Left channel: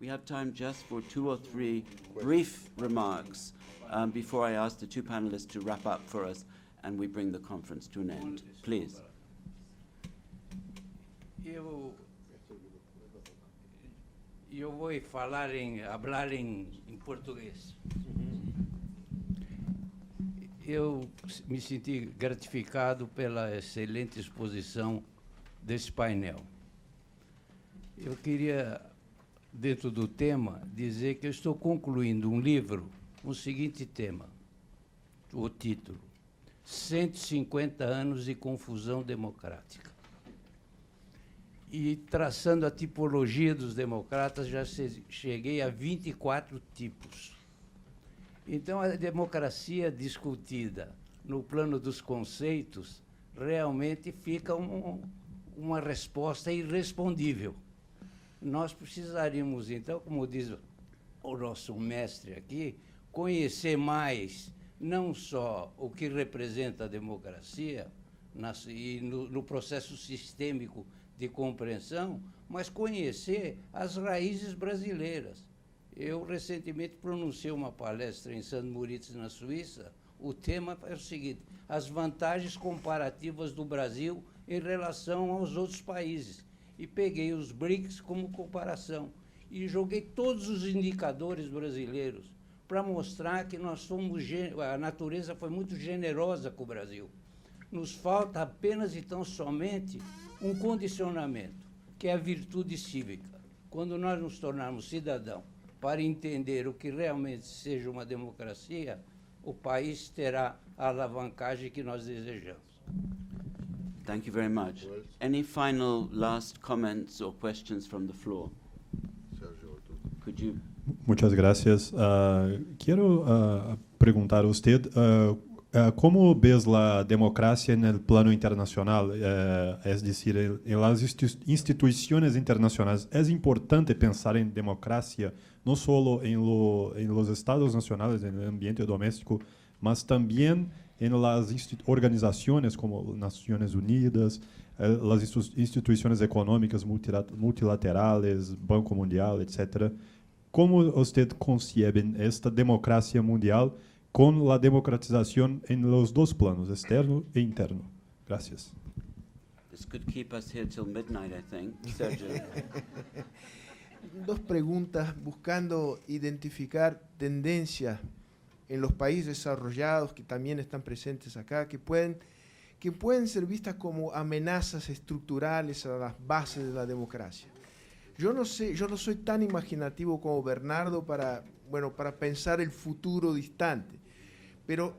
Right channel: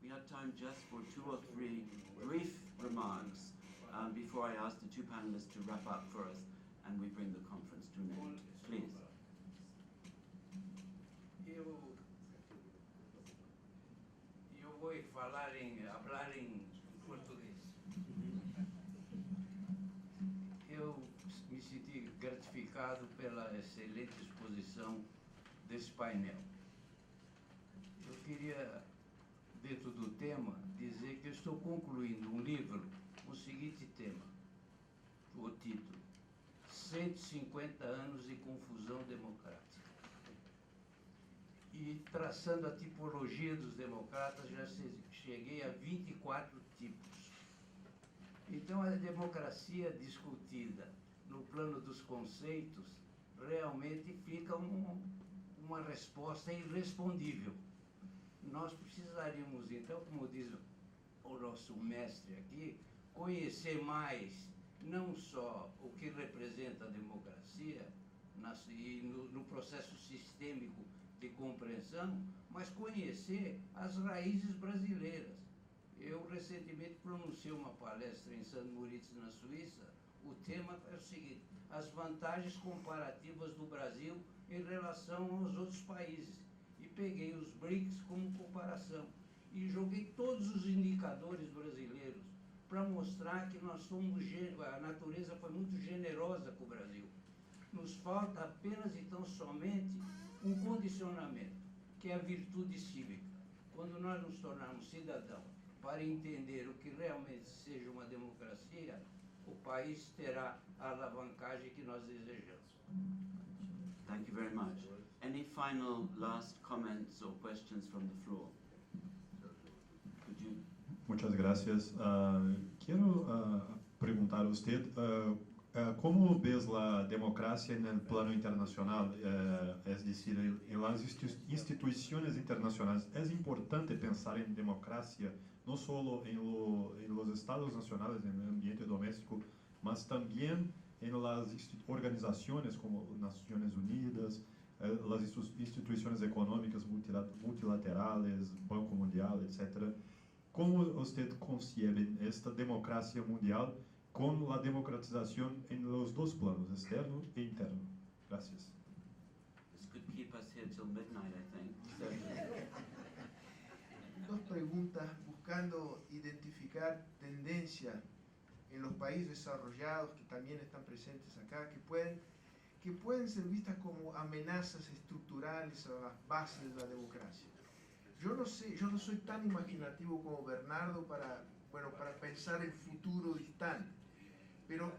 We have time just for 2 or 3 brief remarks before I ask the 2 panelists to wrap up for us and we bring the conference to an end. Please. Eu vou hablar em português. Eu me senti gratificado pela excelente exposição desse painel. Eu queria, dentro do tema, dizer que eu estou concluindo um livro com o seguinte tema, o título, 150 anos de confusão democrática. E, traçando a tipologia dos democratas, já cheguei a 24 tipos. Então, a democracia discutida no plano dos conceitos realmente fica uma resposta irrespondível. Nós precisaríamos, então, como diz o nosso mestre aqui, conhecer mais não só o que representa a democracia e no processo sistêmico de compreensão, mas conhecer as raízes brasileiras. Eu, recentemente, pronunciei uma palestra em St. Moritz, na Suíça. O tema é o seguinte: as vantagens comparativas do Brasil em relação aos outros países. E peguei os BRICS como comparação. E joguei todos os indicadores brasileiros para mostrar que nós somos, a natureza foi muito generosa com o Brasil. Nos falta apenas e tão somente um condicionamento, que é a virtude cívica. Quando nós nos tornarmos cidadãos para entender o que realmente seja uma democracia, o país terá a alavancagem que nós desejamos. Thank you very much. Any final last comments or questions from the floor? Could you? Muchas gracias. Quiero preguntar a usted, ¿cómo ves la democracia en el plano internacional? Es decir, en las instituciones internacionales, ¿es importante pensar en democracia no solo en los estados nacionales, en el ambiente doméstico, mas también en las organizaciones como Naciones Unidas, las instituciones económicas multilaterales, Banco Mundial, etcétera? ¿Cómo usted concibe esta democracia mundial con la democratización en los dos planos, externo e interno? Gracias. This could keep us here till midnight, I think. Sergio. Dos preguntas buscando identificar tendencias en los países desarrollados que también están presentes acá, que pueden ser vistas como amenazas estructurales a las bases de la democracia. Yo no soy tan imaginativo como Bernardo para pensar el futuro distante, pero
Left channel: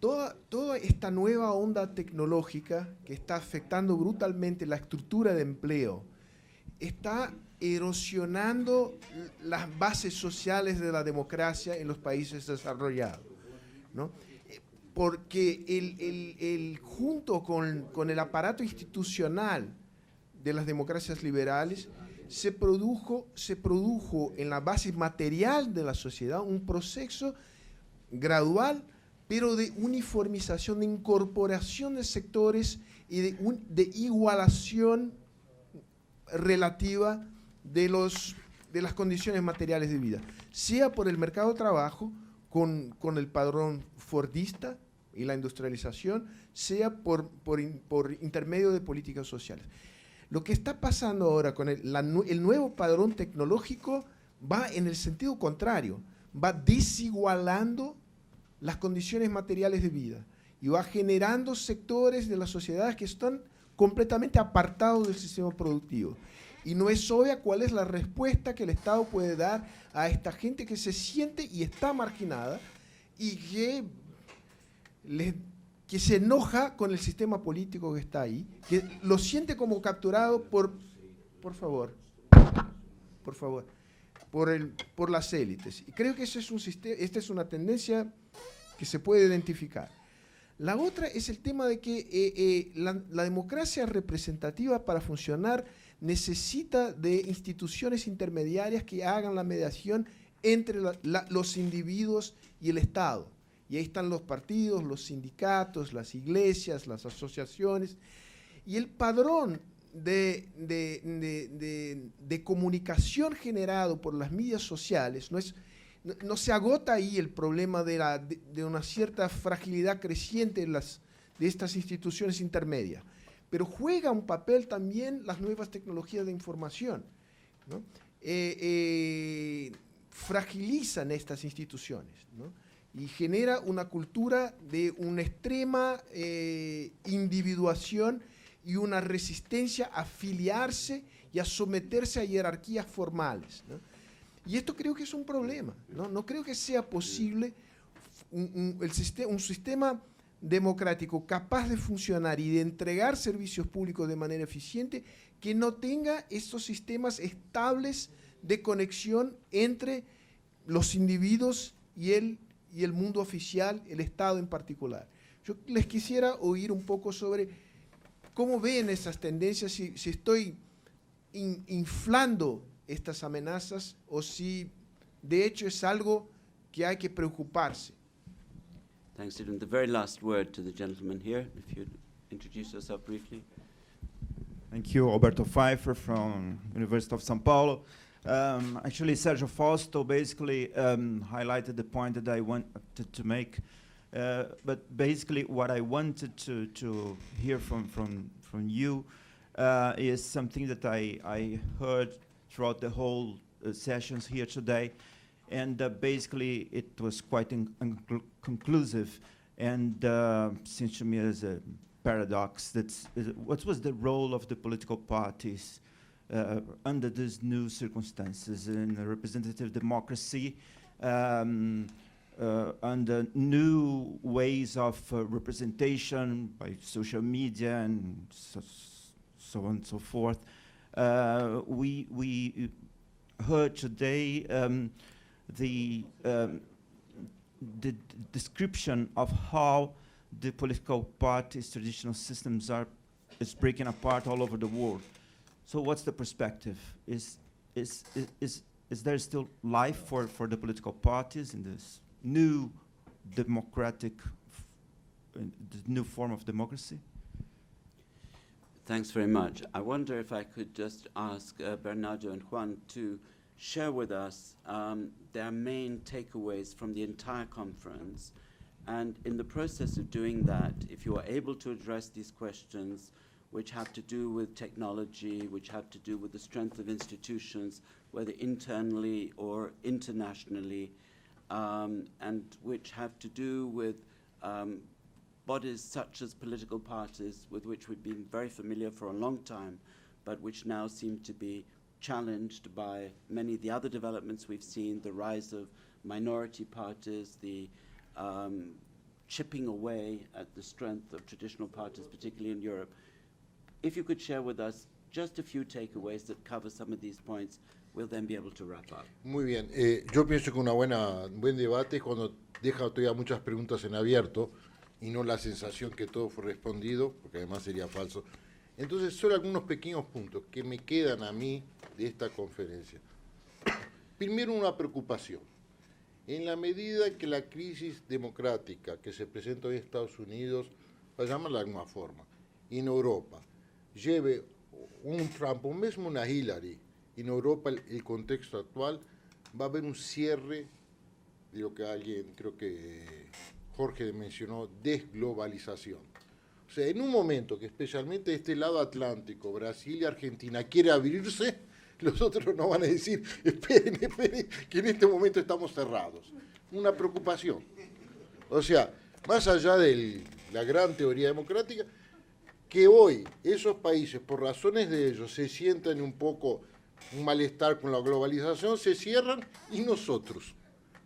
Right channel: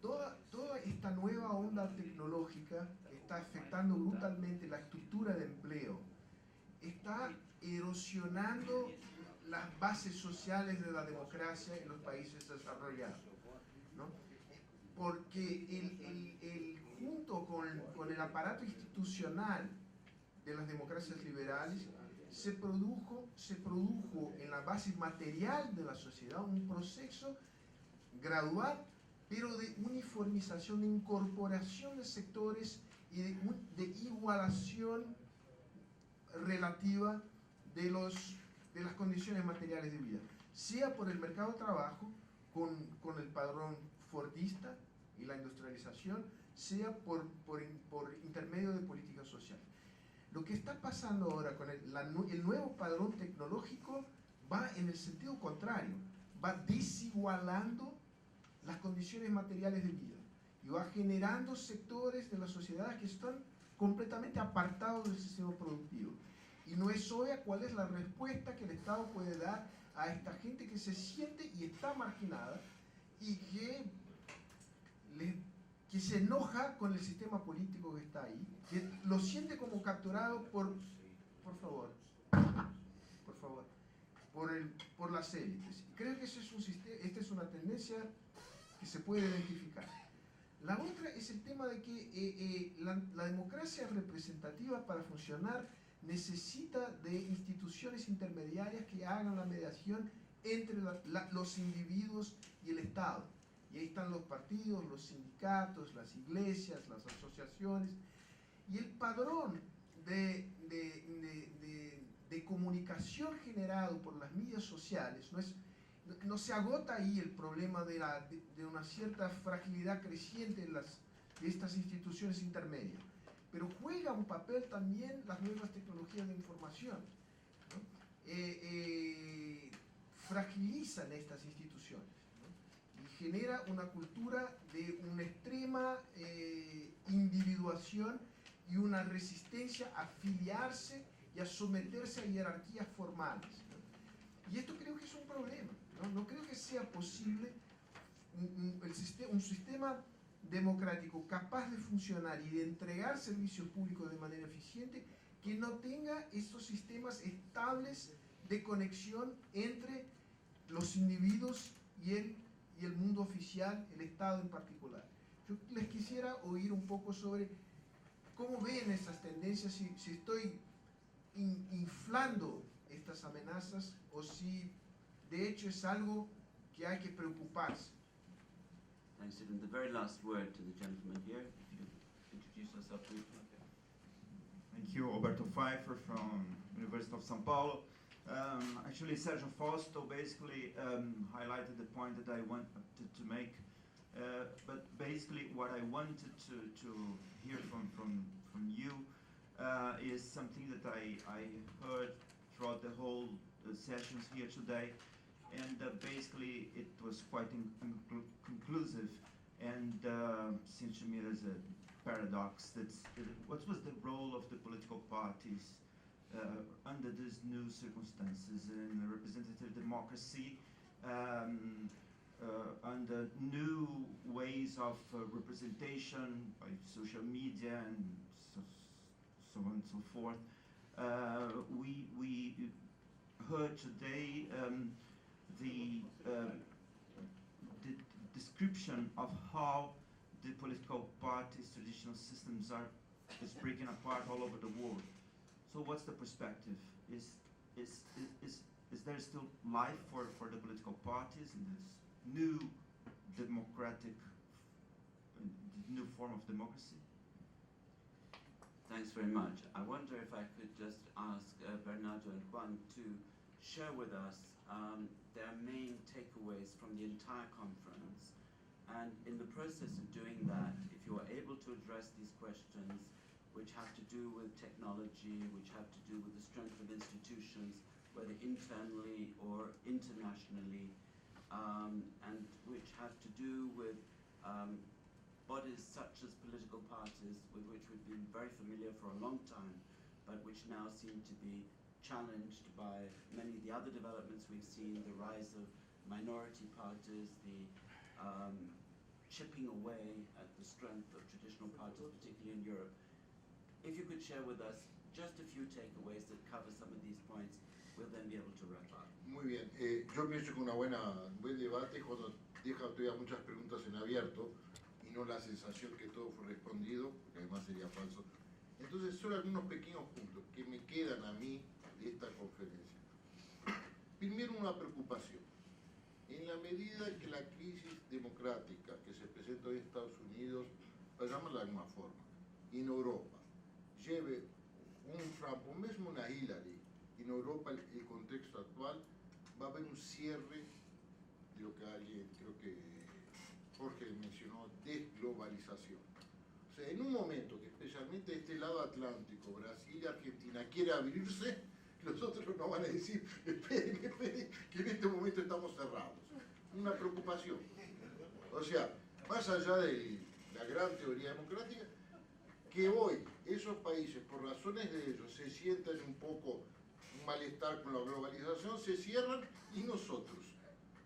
toda esta nueva onda tecnológica que está afectando brutalmente la estructura de empleo, está erosionando las bases sociales de la democracia en los países desarrollados, ¿no? Porque junto con el aparato institucional de las democracias liberales, se produjo en la base material de la sociedad un proceso gradual, pero de uniformización, de incorporación de sectores y de igualación relativa de las condiciones materiales de vida, sea por el mercado de trabajo, con el padrón fordista y la industrialización, sea por intermedio de políticas sociales. Lo que está pasando ahora con el nuevo padrón tecnológico va en el sentido contrario, va desigualando las condiciones materiales de vida y va generando sectores de la sociedad que están completamente apartados del sistema productivo. Y no es obvia cuál es la respuesta que el Estado puede dar a esta gente que se siente y está marginada y que se enoja con el sistema político que está ahí, que lo siente como capturado por las élites. Y creo que esta es una tendencia que se puede identificar. La otra es el tema de que la democracia representativa, para funcionar, necesita de instituciones intermediarias que hagan la mediación entre los individuos y el Estado. Y ahí están los partidos, los sindicatos, las iglesias, las asociaciones. Y el padrón de comunicación generado por las medias sociales no se agota ahí el problema de una cierta fragilidad creciente de estas instituciones intermedias, pero juega un papel también las nuevas tecnologías de información, ¿no? Fragilizan estas instituciones, ¿no? Y genera una cultura de una extrema individuación y una resistencia a afiliarse y a someterse a jerarquías formales, ¿no? Y esto creo que es un problema, ¿no? No creo que sea posible un sistema democrático capaz de funcionar y de entregar servicios públicos de manera eficiente que no tenga estos sistemas estables de conexión entre los individuos y el mundo oficial, el Estado en particular. Yo les quisiera oír un poco sobre cómo ven esas tendencias, si estoy inflando estas amenazas o si de hecho es algo que hay que preocuparse. Thanks, Stephen. The very last word to the gentleman here, if you'd introduce yourself briefly. Thank you, Alberto Pfeiffer from University of São Paulo. Actually, Sergio Fausto basically highlighted the point that I wanted to make. But basically, what I wanted to hear from you is something that I heard throughout the whole sessions here today. And basically, it was quite conclusive and seems to me as a paradox. What was the role of the political parties under these new circumstances in a representative democracy, under new ways of representation by social media and so on and so forth? We heard today the description of how the political parties' traditional systems is breaking apart all over the world. So what's the perspective? Is there still life for the political parties in this new democratic, new form of democracy? Thanks very much. I wonder if I could just ask Bernardo and Juan to share with us their main takeaways from the entire conference. And in the process of doing that, if you are able to address these questions which have to do with technology, which have to do with the strength of institutions, whether internally or internationally, and which have to do with bodies such as political parties with which we've been very familiar for a long time, but which now seem to be challenged by many of the other developments we've seen, the rise of minority parties, the chipping away at the strength of traditional parties, particularly in Europe. If you could share with us just a few takeaways that cover some of these points, we'll then be able to wrap up. Muy bien. Yo pienso que un buen debate es cuando deja todavía muchas preguntas en abierto y no la sensación que todo fue respondido, porque además sería falso. Entonces, solo algunos pequeños puntos que me quedan a mí de esta conferencia. Primero, una preocupación. En la medida que la crisis democrática que se presenta hoy en Estados Unidos, para llamarla de alguna forma, y en Europa, lleve un Trump o mismo una Hillary, en Europa el contexto actual, va a haber un cierre de lo que alguien, creo que Jorge mencionó, desglobalización. O sea, en un momento que especialmente de este lado atlántico, Brasil y Argentina, quiere abrirse, los otros no van a decir, esperen, que en este momento estamos cerrados. Una preocupación. O sea, más allá de la gran teoría democrática, que hoy esos países, por razones de ellos, se sientan un poco un malestar con la globalización, se cierran y nosotros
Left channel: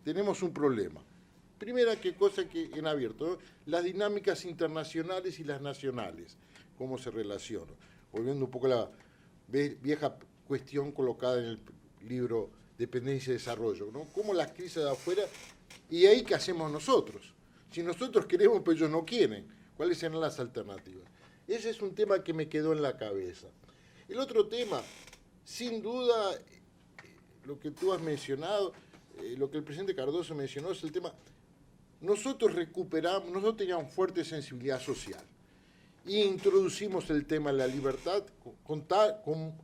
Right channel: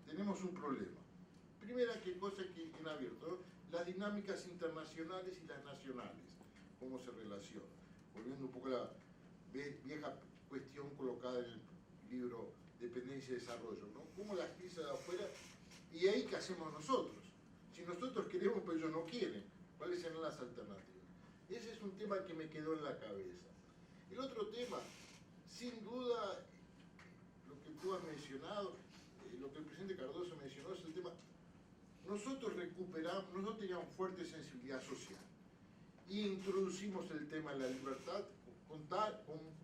tenemos un problema. Primera cosa que en abierto, ¿no? Las dinámicas internacionales y las nacionales, cómo se relacionan. Volviendo un poco a la vieja cuestión colocada en el libro Dependencia y Desarrollo, ¿no? Cómo las crisis de afuera, y ahí qué hacemos nosotros. Si nosotros queremos, pero ellos no quieren, ¿cuáles serán las alternativas? Ese es un tema que me quedó en la cabeza. El otro tema, sin duda, lo que tú has mencionado, lo que el presidente Cardoso mencionó, es el tema, nosotros teníamos fuerte sensibilidad social. y introducimos el tema de la libertad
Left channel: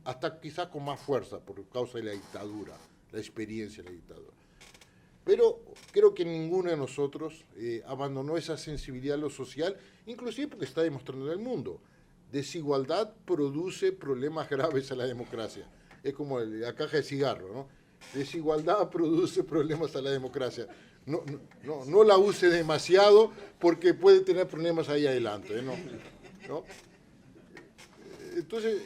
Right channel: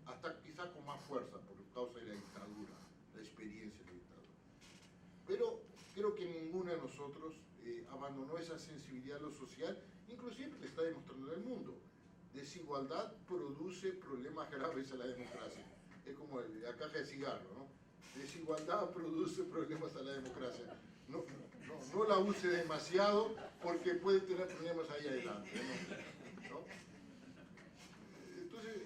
hasta quizás con más fuerza por causa de la dictadura, la experiencia de la dictadura. Pero creo que ninguno de nosotros abandonó esa sensibilidad a lo social, inclusive porque está demostrando en el mundo. Desigualdad produce problemas graves a la democracia. Es como la caja de cigarro, ¿no? Desigualdad produce problemas a la democracia. No la use demasiado porque puede tener problemas ahí adelante, ¿no? Entonces,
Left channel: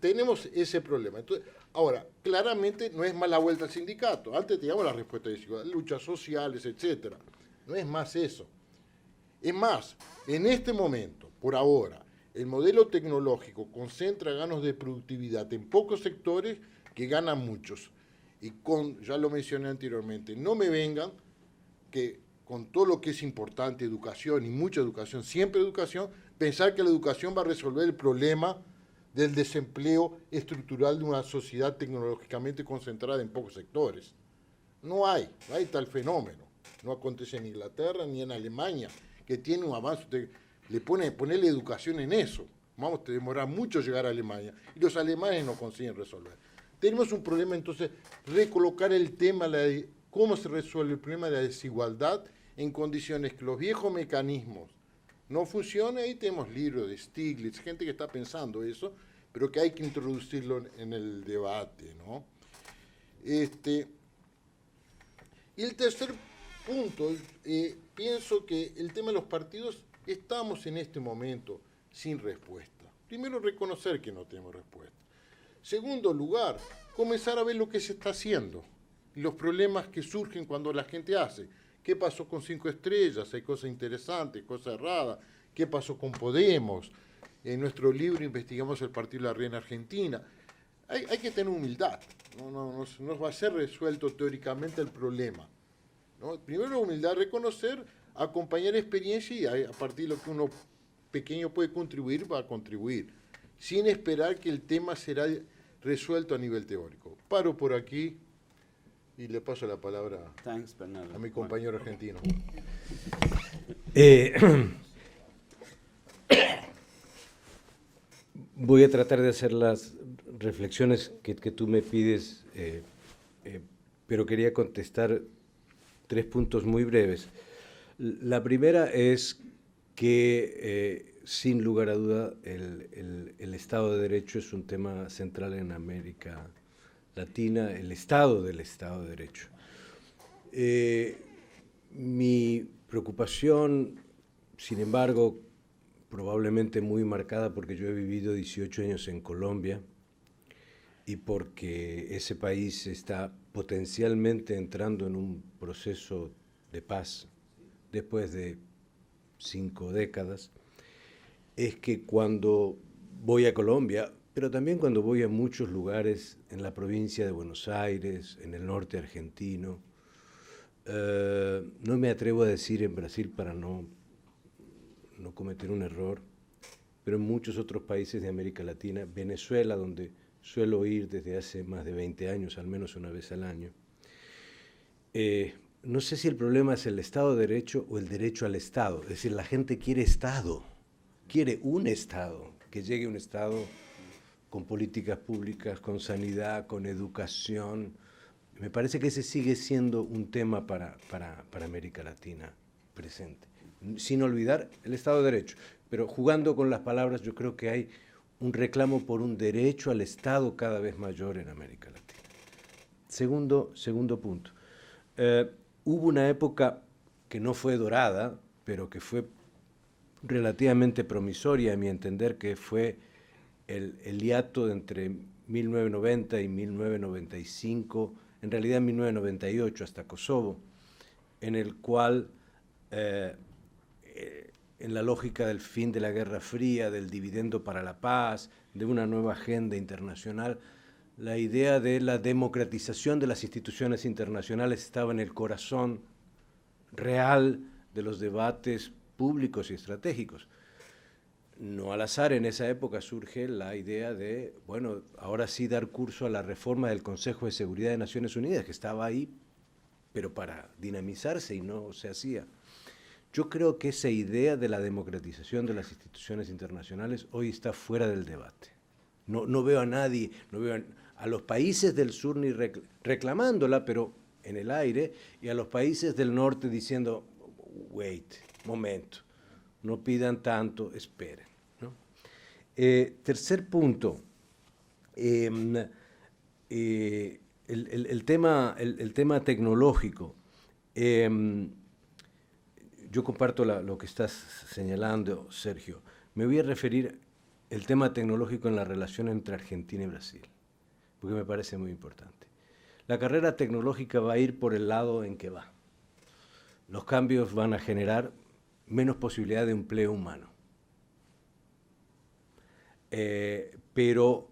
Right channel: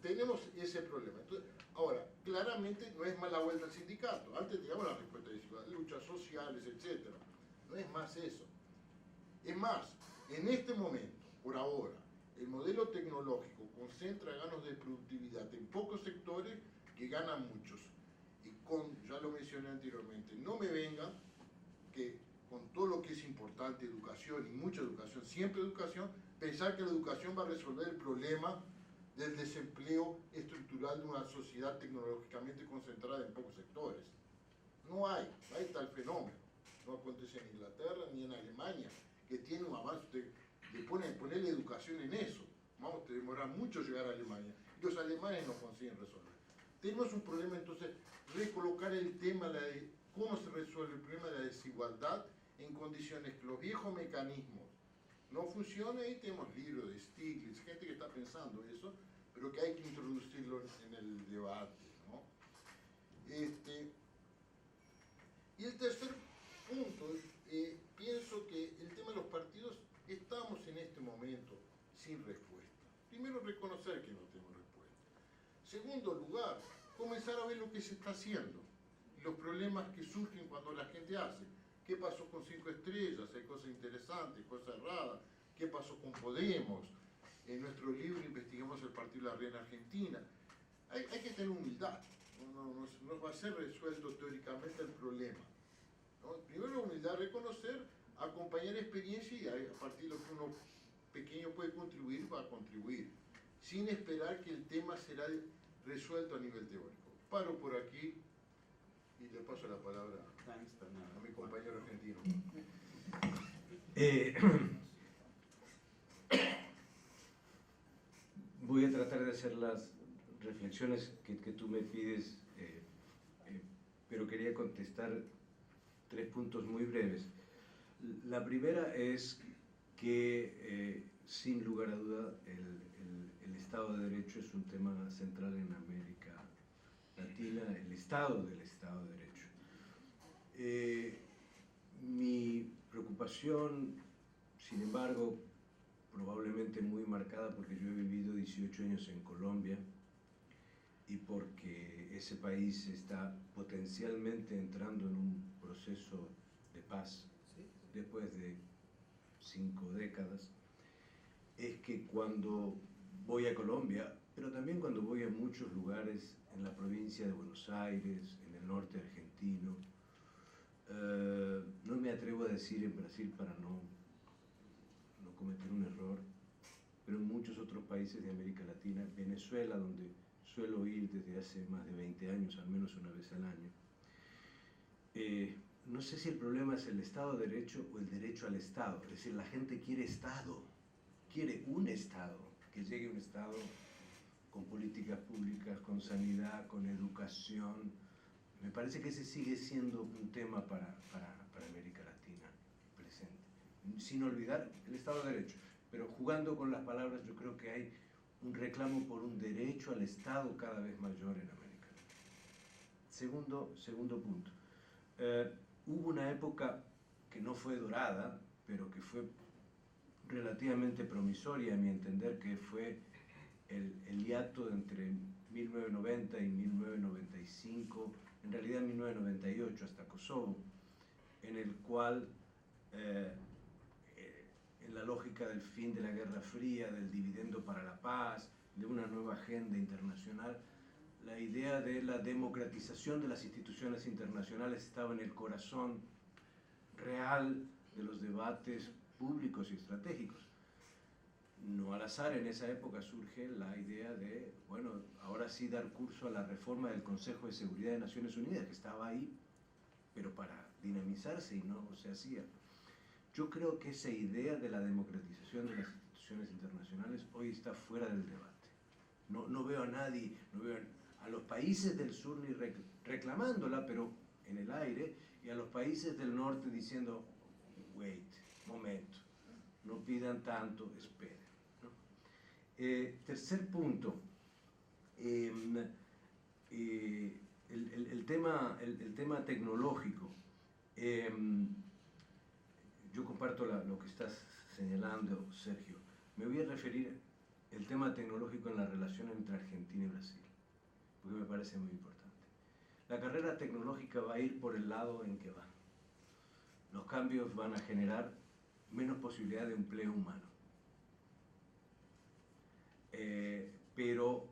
tenemos ese problema. Entonces, ahora, claramente no es más la vuelta al sindicato. Antes teníamos la respuesta de desigualdad, luchas sociales, etc. No es más eso. Es más, en este momento, por ahora, el modelo tecnológico concentra ganos de productividad en pocos sectores que ganan muchos. Y ya lo mencioné anteriormente, no me vengan que con todo lo que es importante, educación y mucha educación, siempre educación, pensar que la educación va a resolver el problema del desempleo estructural de una sociedad tecnológicamente concentrada en pocos sectores. No hay tal fenómeno. No acontece en Inglaterra ni en Alemania, que tiene un avance. Ponerle educación en eso. Vamos a demorar mucho llegar a Alemania. Y los alemanes no consiguen resolver. Tenemos un problema, entonces, recolocar el tema de cómo se resuelve el problema de la desigualdad en condiciones que los viejos mecanismos no funcionan. Ahí tenemos libros de Stiglitz, gente que está pensando eso, pero que hay que introducirlo en el debate, ¿no? Y el tercer punto, pienso que el tema de los partidos, estamos en este momento sin respuesta. Primero, reconocer que no tenemos respuesta. Segundo lugar, comenzar a ver lo que se está haciendo y los problemas que surgen cuando la gente hace. ¿Qué pasó con 5 estrellas? Hay cosas interesantes, cosas erradas. ¿Qué pasó con Podemos? En nuestro libro investigamos el partido de la Red en Argentina. Hay que tener humildad. No va a ser resuelto teóricamente el problema, ¿no? Primero, humildad, reconocer, acompañar experiencia y a partir de lo que uno pequeño puede contribuir, va a contribuir, sin esperar que el tema será resuelto a nivel teórico. Paro por aquí y le paso la palabra a mi compañero argentino. Voy a tratar de hacer las reflexiones que tú me pides, pero quería contestar 3 puntos muy breves. La primera es que, sin lugar a duda, el Estado de Derecho es un tema central en América Latina, el estado del Estado de Derecho. Mi preocupación, sin embargo, probablemente muy marcada porque yo he vivido 18 años en Colombia y porque ese país está potencialmente entrando en un proceso de paz después de 5 décadas, es que cuando voy a Colombia, pero también cuando voy a muchos lugares en la provincia de Buenos Aires, en el norte argentino, no me atrevo a decir en Brasil para no cometer un error, pero en muchos otros países de América Latina, Venezuela, donde suelo ir desde hace más de 20 años, al menos una vez al año, no sé si el problema es el Estado de Derecho o el derecho al Estado. Es decir, la gente quiere Estado, quiere un Estado, que llegue un Estado con políticas públicas, con sanidad, con educación. Me parece que ese sigue siendo un tema para América Latina presente. Sin olvidar el Estado de Derecho. Pero jugando con las palabras, yo creo que hay un reclamo por un derecho al Estado cada vez mayor en América Latina. Segundo punto. Hubo una época que no fue dorada, pero que fue relativamente promisoria, a mi entender, que fue el hiato entre 1990 y 1995, en realidad 1998 hasta Kosovo, en el cual, en la lógica del fin de la Guerra Fría, del dividendo para la paz, de una nueva agenda internacional, la idea de la democratización de las instituciones internacionales estaba en el corazón real de los debates públicos y estratégicos. No al azar, en esa época surge la idea de, bueno, ahora sí dar curso a la reforma del Consejo de Seguridad de Naciones Unidas, que estaba ahí, pero para dinamizarse y no se hacía. Yo creo que esa idea de la democratización de las instituciones internacionales hoy está fuera del debate. No veo a nadie, no veo a los países del sur ni reclamándola, pero en el aire, y a los países del norte diciendo, wait, momento, no pidan tanto, esperen, ¿no? Tercer punto, el tema tecnológico. Yo comparto lo que estás señalando, Sergio. Me voy a referir al tema tecnológico en la relación entre Argentina y Brasil, porque me parece muy importante. La carrera tecnológica va a ir por el lado en que va. Los cambios van a generar menos posibilidad de empleo humano. Pero,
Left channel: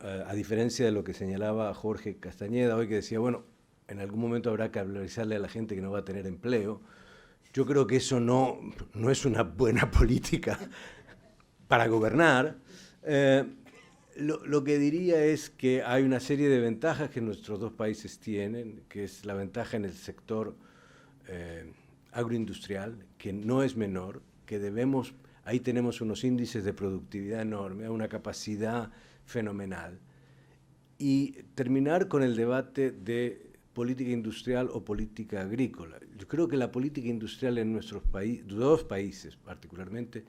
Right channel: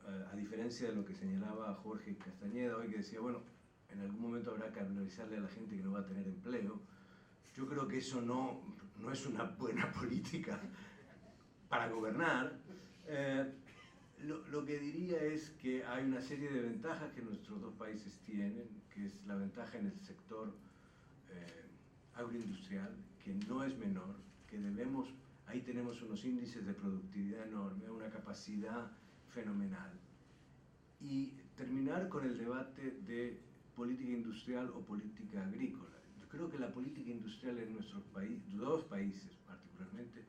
a diferencia de lo que señalaba Jorge Castañeda hoy, que decía, bueno, en algún momento habrá que avisarle a la gente que no va a tener empleo, yo creo que eso no es una buena política para gobernar. Lo que diría es que hay una serie de ventajas que nuestros dos países tienen, que es la ventaja en el sector agroindustrial, que no es menor, que ahí tenemos unos índices de productividad enormes, una capacidad fenomenal. Y terminar con el debate de política industrial o política agrícola. Yo creo que la política industrial en nuestros dos países particularmente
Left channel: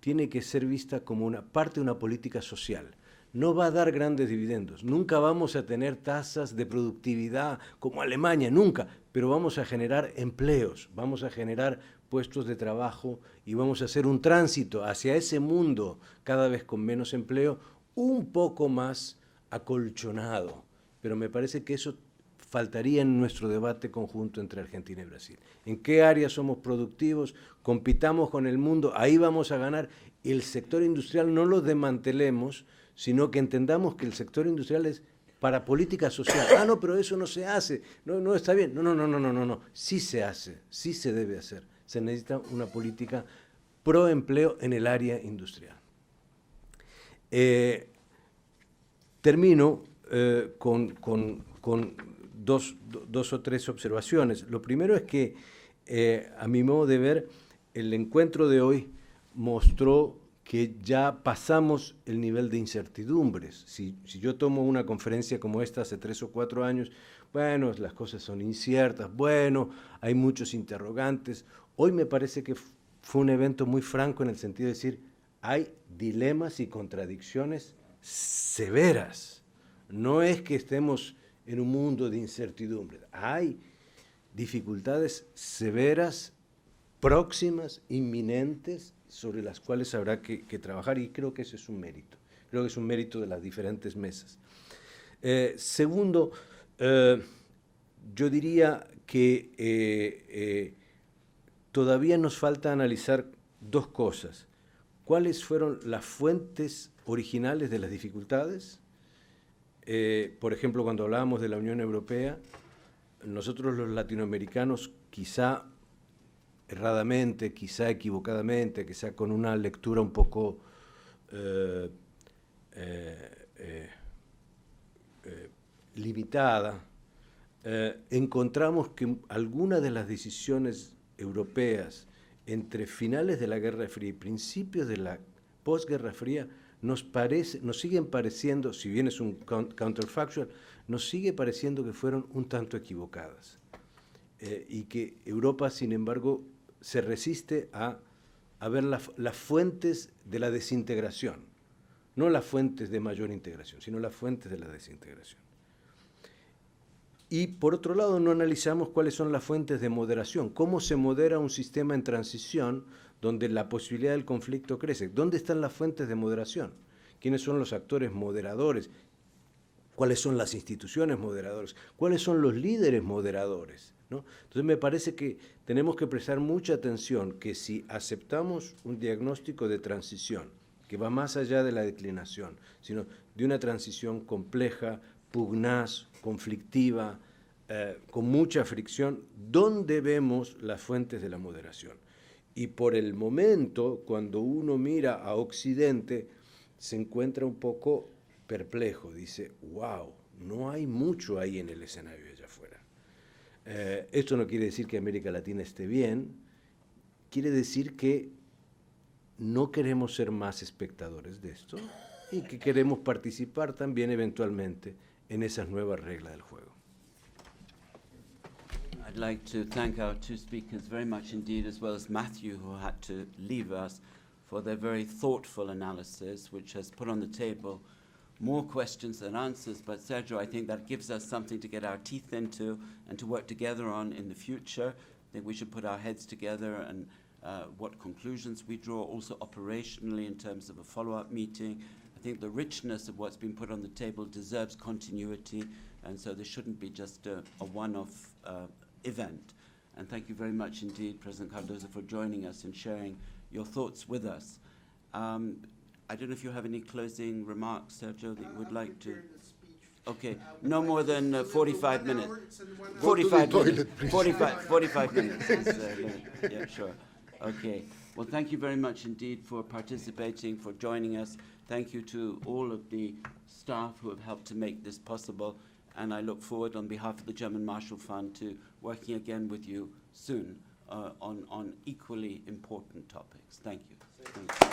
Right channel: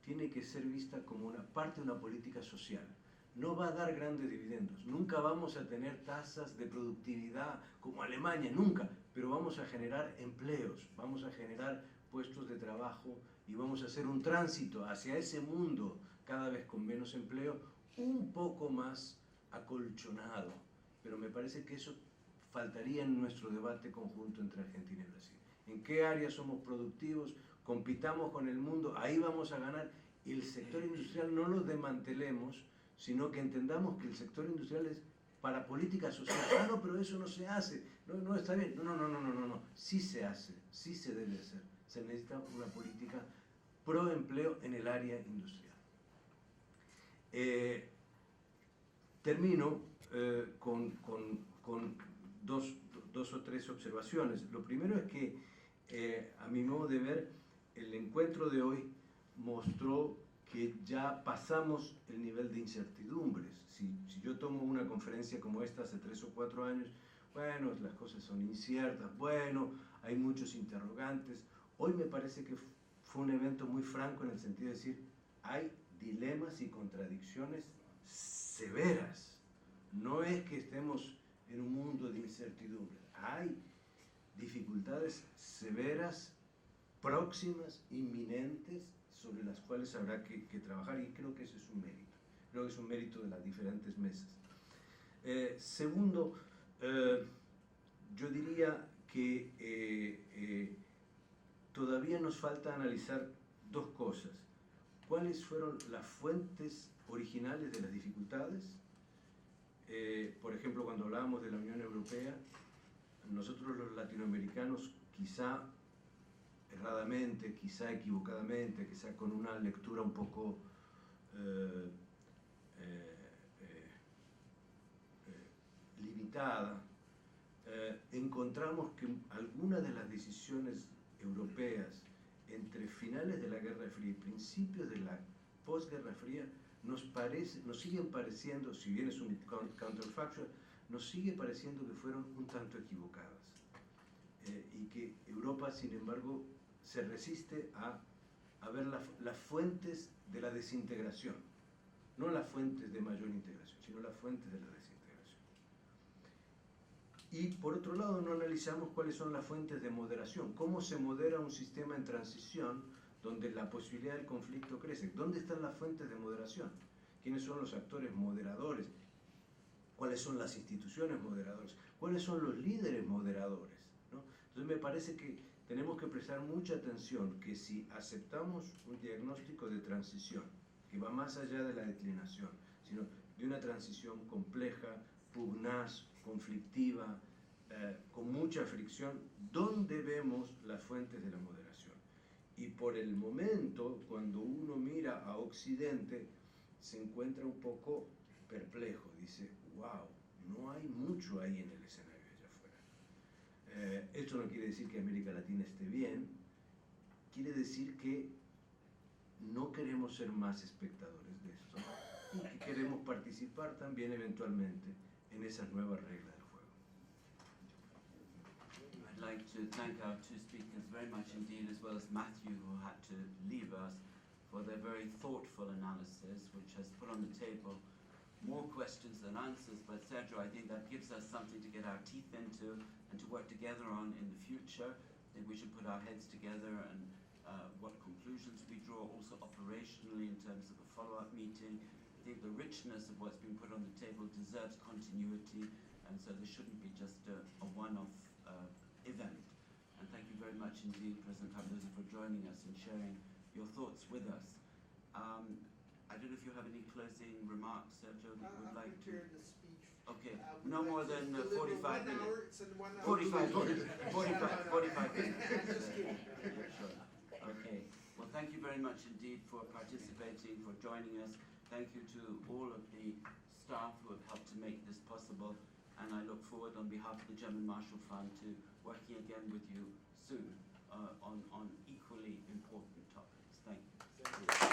tiene que ser vista como una parte de una política social. No va a dar grandes dividendos, nunca vamos a tener tasas de productividad como Alemania, nunca, pero vamos a generar empleos, vamos a generar puestos de trabajo y vamos a hacer un tránsito hacia ese mundo cada vez con menos empleo, un poco más acolchonado. Pero me parece que eso faltaría en nuestro debate conjunto entre Argentina y Brasil. ¿En qué áreas somos productivos? Compitamos con el mundo, ahí vamos a ganar. El sector industrial no lo desmantelemos, sino que entendamos que el sector industrial es para política social. Ah, no, pero eso no se hace, no está bien. No, sí se hace, sí se debe hacer. Se necesita una política pro empleo en el área industrial. Termino con dos o tres observaciones. Lo primero es que, a mi modo de ver, el encuentro de hoy mostró que ya pasamos el nivel de incertidumbres. Si yo tomo una conferencia como esta hace 3 o 4 años, bueno, las cosas son inciertas, bueno, hay muchos interrogantes. Hoy me parece que fue un evento muy franco en el sentido de decir, hay dilemas y contradicciones severas. No es que estemos en un mundo de incertidumbre. Hay dificultades severas, próximas, inminentes, sobre las cuales habrá que trabajar, y creo que ese es un mérito. Creo que es un mérito de las diferentes mesas. Segundo, yo diría que todavía nos falta analizar dos cosas. ¿Cuáles fueron las fuentes originales de las dificultades? Por ejemplo, cuando hablábamos de la Unión Europea, nosotros los latinoamericanos, quizá erradamente, quizá equivocadamente, quizá con una lectura un poco limitada, encontramos que algunas de las decisiones europeas entre finales de la Guerra Fría y principios de la posguerra fría nos siguen pareciendo, si bien es un counterfactual, nos sigue pareciendo que fueron un tanto equivocadas. Y que Europa, sin embargo, se resiste a ver las fuentes de la desintegración. No las fuentes de mayor integración, sino las fuentes de la desintegración. Y, por otro lado, no analizamos cuáles son las fuentes de moderación. ¿Cómo se modera un sistema en transición donde la posibilidad del conflicto crece? ¿Dónde están las fuentes de moderación? ¿Quiénes son los actores moderadores? ¿Cuáles son las instituciones moderadoras? ¿Cuáles son los líderes moderadores? ¿No? Entonces me parece que tenemos que prestar mucha atención que si aceptamos un diagnóstico de transición que va más allá de la declinación, sino de una transición compleja, pugnaz, conflictiva, con mucha fricción, ¿dónde vemos las fuentes de la moderación? Y por el momento, cuando uno mira a Occidente, se encuentra un poco perplejo, dice, wow, no hay mucho ahí en el escenario allá afuera. Esto no quiere decir que América Latina esté bien, quiere decir que no queremos ser más espectadores de esto y que queremos participar también eventualmente en esas nuevas reglas del juego. I'd like to thank our two speakers very much indeed, as well as Matthew, who had to leave us, for their very thoughtful analysis, which has put on the table more questions than answers. But Sergio, I think that gives us something to get our teeth into and to work together on in the future. I think we should put our heads together and what conclusions we draw, also operationally in terms of a follow-up meeting. I think the richness of what's been put on the table deserves continuity, and so this shouldn't be just a one-off event. And thank you very much indeed, President Cardozo, for joining us and sharing your thoughts with us. I don't know if you have any closing remarks, Sergio, that you would like to. Okay, no more than 45 minutes. 45 minutes. 45 minutes. Yeah, sure. Okay. Well, thank you very much indeed for participating, for joining us. Thank you to all of the staff who have helped to make this possible. And I look forward, on behalf of the German Marshall Fund, to working again with you soon on equally important topics. Thank you.